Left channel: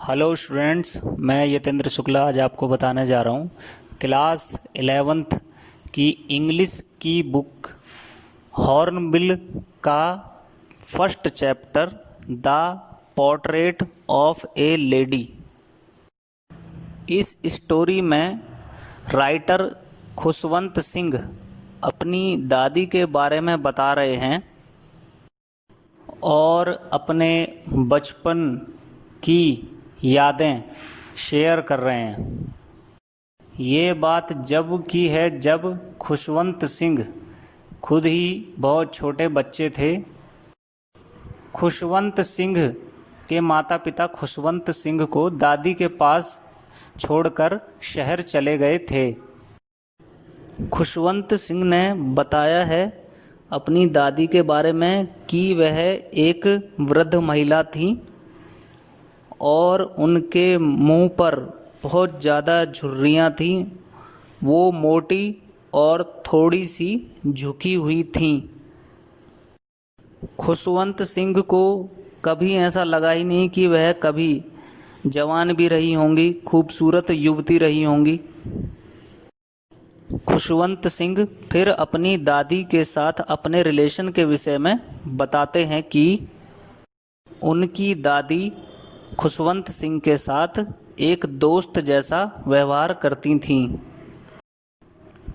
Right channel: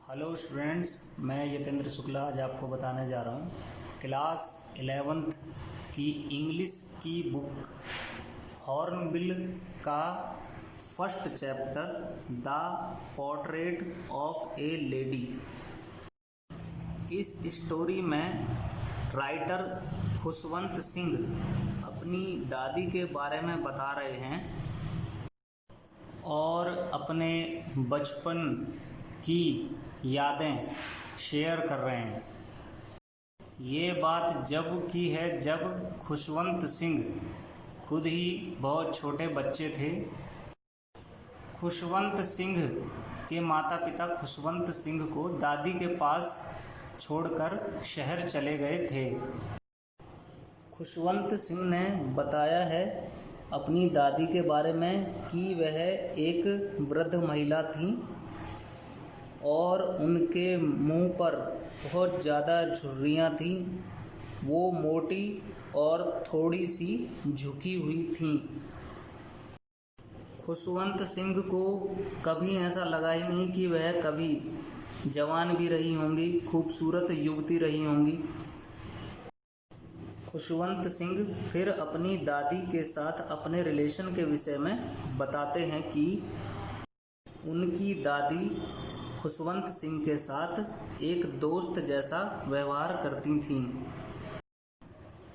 Hello students, मैं यतेंद्र शुक्ला आज आपको बताने जा रहा हूँ क्लास 11th की इंग्लिश की बुक हॉर्नबिल का first chapter the portrait of A lady. इस स्टोरी में राइटर खुशवंत सिंह अपनी दादी के बारे में बता रहे हैं और अपने बचपन की यादें शेयर कर रहे हैं। ये बात जब की है जब खुशवंत सिंह खुद ही बहुत छोटे बच्चे थे। खुशवंत सिंह के माता पिता खुशवंत सिंह को दादी के पास छोड़कर शहर चले गए थे। खुशवंत सिंह ने बताया है अपनी दादी के बारे में कि वह एक वृद्ध महिला थी और उनके मुंह पर बहुत ज़्यादा झुर्रियाँ थीं। वो मोटी और थोड़ी सी झुकी हुई थीं। खुशवंत सिंह को कभी ऐसा लगा ही नहीं कि वह कभी जवान भी रही होंगी, खूबसूरत युवती रही होंगी। खुशवंत सिंह फिर अपनी दादी के साथ अपने रिलेशन के विषय में बताते हैं कि उनकी दादी खुशवंत सिंह के साथ एक दोस्त जैसा व्यवहार करती थीं।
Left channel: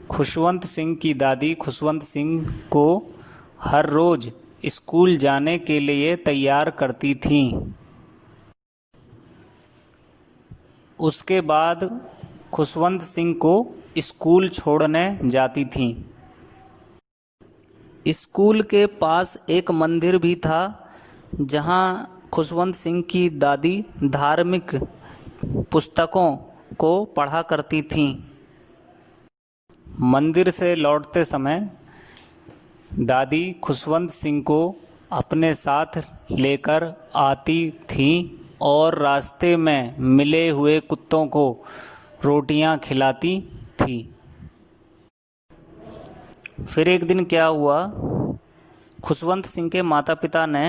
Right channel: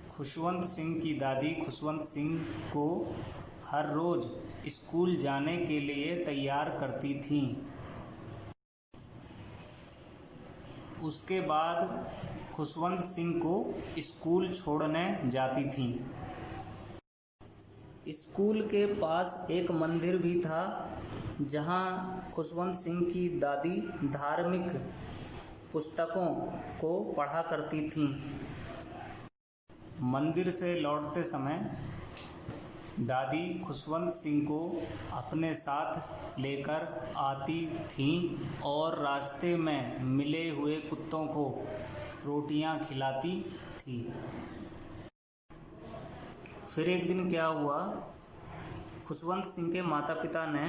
खुशवंत सिंह की दादी खुशवंत सिंह को हर रोज़ स्कूल जाने के लिए तैयार करती थीं। उसके बाद खुशवंत सिंह को स्कूल छोड़ने जाती थीं। स्कूल के पास एक मंदिर भी था जहां खुशवंत सिंह की दादी धार्मिक पुस्तकों को पढ़ा करती थीं। मंदिर से लौटते समय दादी खुशवंत सिंह को अपने साथ लेकर आती थीं और रास्ते में मिले हुए कुत्तों को रोटियां खिलाती थी। फिर एक दिन क्या हुआ, खुशवंत सिंह के माता पिता ने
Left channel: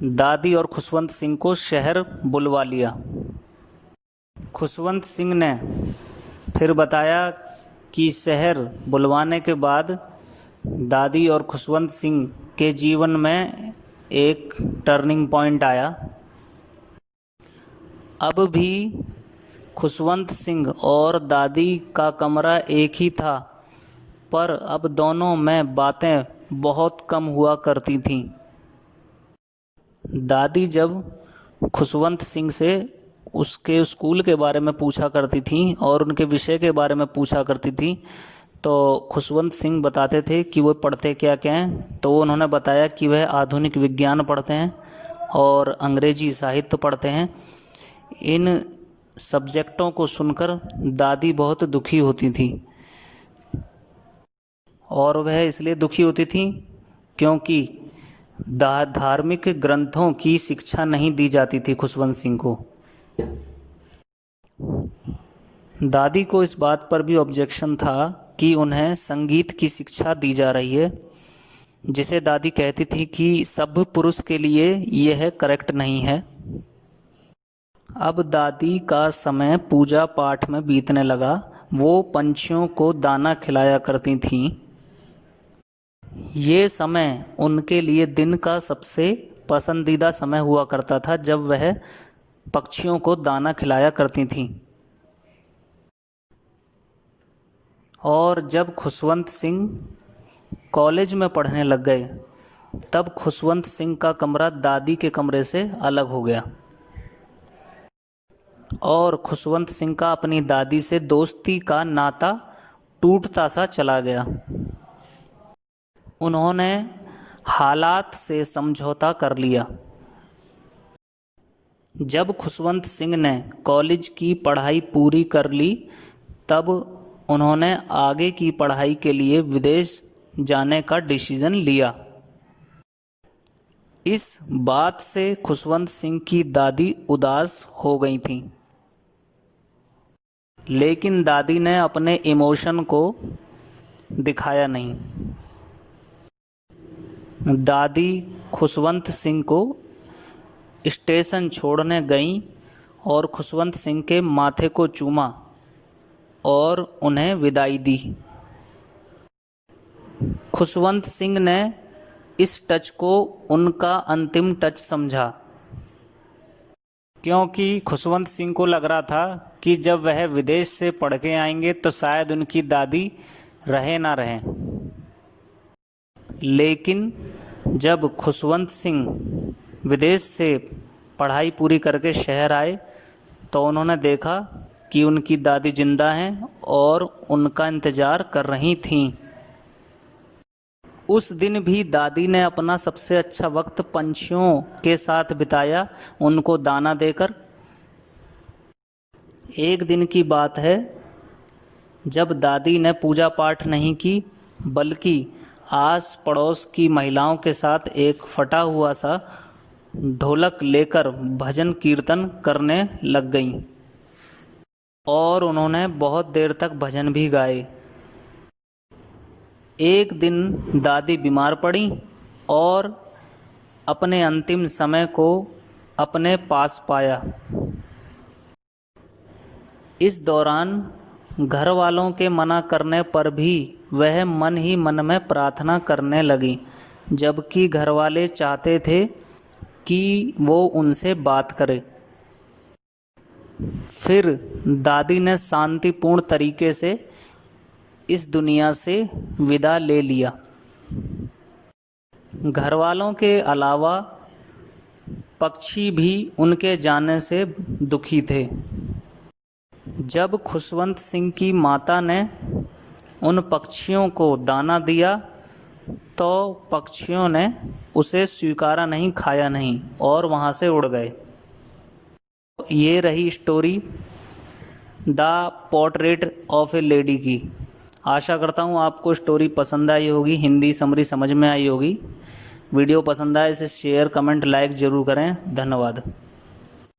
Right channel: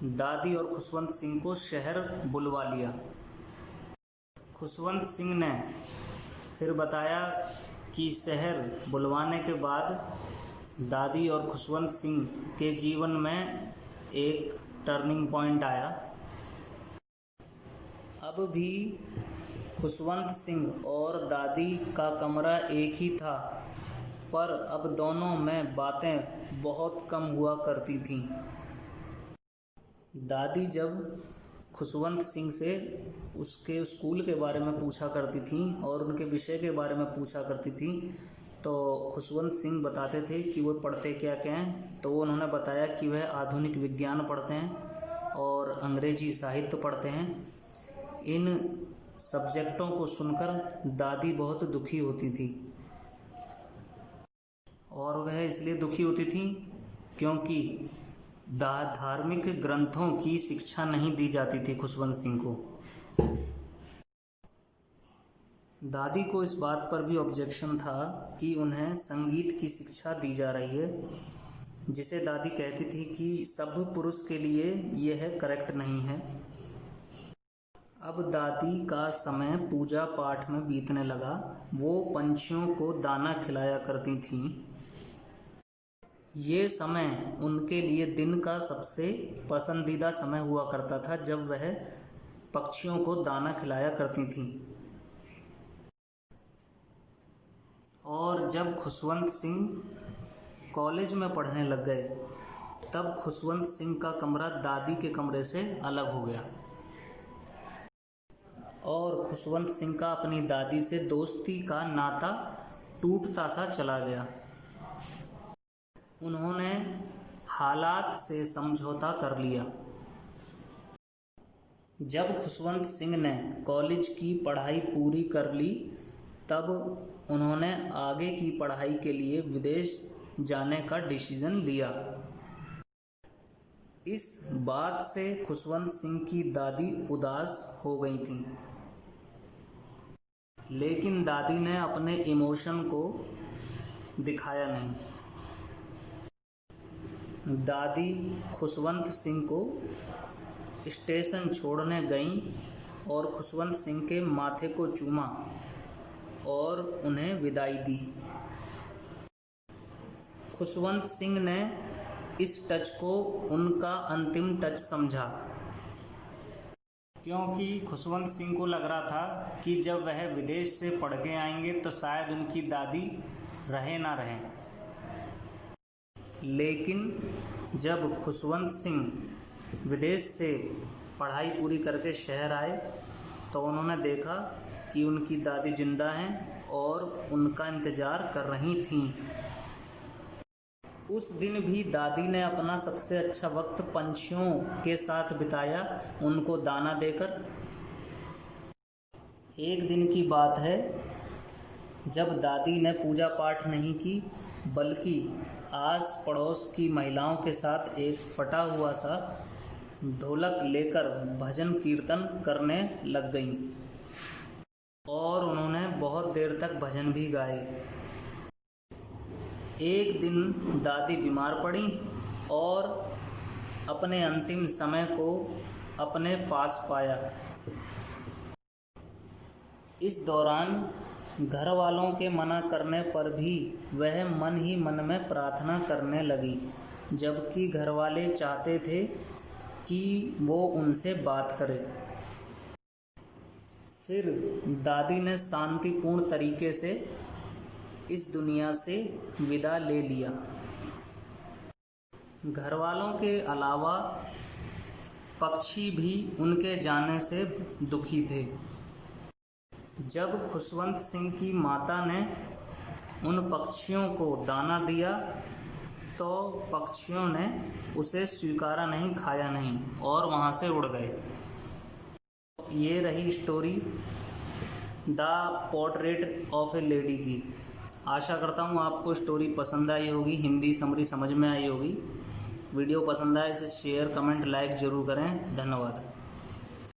दादी और खुशवंत सिंह को शहर बुलवा लिया। खुशवंत सिंह ने फिर बताया कि शहर बुलवाने के बाद दादी और खुशवंत सिंह के जीवन में एक टर्निंग पॉइंट आया। अब भी खुशवंत सिंह और दादी का कमरा एक ही था, पर अब दोनों में बातें बहुत कम हुआ करती थीं। दादी जब खुशवंत सिंह से उसके स्कूल के बारे में पूछा करती थीं और उनके विषय के बारे में पूछा करती थी, तो खुशवंत सिंह बताते थे कि वो पढ़ते क्या क्या हैं। तो उन्होंने बताया कि वह आधुनिक विज्ञान पढ़ते हैं और अंग्रेजी साहित्य पढ़ते हैं। इन सब्जेक्टों को सुनकर दादी बहुत दुखी होती थी और वह इसलिए दुखी होती थी क्योंकि धार्मिक ग्रंथों की शिक्षा नहीं दी जाती थी खुशवंत सिंह को। दादी को इस बात पर भी ऑब्जेक्शन था कि उन्हें संगीत की शिक्षा दी जा रही है, जिसे दादी कहती थी कि सब पुरुष के लिए यह करेक्ट नहीं है। अब दादी का समय पूजा पाठ में बीतने लगा। वो पंछियों को दाना खिलाया करती थीं। ये समय उनके लिए दिन का सबसे पसंदीदा समय हुआ करता था, जब वह पक्षियों को दाना खिलाया करती थीं। और जब खुशवंत सिंह कॉलेज में पढ़ने लग गए, तब खुशवंत सिंह का कमरा दादी के कमरे से अलग हो गया और खुशवंत सिंह का अपनी दादी से दोस्ती का नाता टूटता सा चला गया। उन्होंने हालात से समझौता कर लिया। जब खुशवंत सिंह ने कॉलेज की पढ़ाई पूरी कर ली, तब उन्होंने आगे की पढ़ाई के लिए विदेश जाने का डिसीजन लिया। इस बात से खुशवंत सिंह की दादी उदास हो गई थी, लेकिन दादी ने अपने इमोशन को दिखाया नहीं। दादी खुशवंत सिंह को स्टेशन छोड़ने गईं और खुशवंत सिंह के माथे को चूमा और उन्हें विदाई दी। खुशवंत सिंह ने इस टच को उनका अंतिम टच समझा, क्योंकि खुशवंत सिंह को लग रहा था कि जब वह विदेश से पढ़ के आएंगे तो शायद उनकी दादी रहे ना रहें। लेकिन जब खुशवंत सिंह विदेश से पढ़ाई पूरी करके शहर आए तो उन्होंने देखा कि उनकी दादी जिंदा हैं और उनका इंतज़ार कर रही थीं। उस दिन भी दादी ने अपना सबसे अच्छा वक्त पंछियों के साथ बिताया, उनको दाना देकर। एक दिन की बात है जब दादी ने पूजा पाठ नहीं की, बल्कि आस पड़ोस की महिलाओं के साथ एक फटा हुआ सा ढोलक लेकर भजन कीर्तन करने लग गईं और उन्होंने बहुत देर तक भजन भी गाए। एक दिन दादी बीमार पड़ी और अपने अंतिम समय को अपने पास पाया। इस दौरान घर वालों के मना करने पर भी वह मन ही मन में प्रार्थना करने लगी, जबकि घर वाले चाहते थे कि वो उनसे बात करे। फिर दादी ने शांतिपूर्ण तरीके से इस दुनिया से विदा ले लिया। घर वालों के अलावा पक्षी भी उनके जाने से दुखी थे। जब खुशवंत सिंह की माता ने उन पक्षियों को दाना दिया तो पक्षियों ने उसे स्वीकारा नहीं, खाया नहीं और वहाँ से उड़ गए। ये रही story the portrait of A lady की। आशा करता हूँ आपको स्टोरी पसंद आई होगी, हिंदी समरी समझ में आई होगी। वीडियो पसंद आए इसे शेयर, कमेंट, लाइक ज़रूर करें। धन्यवाद।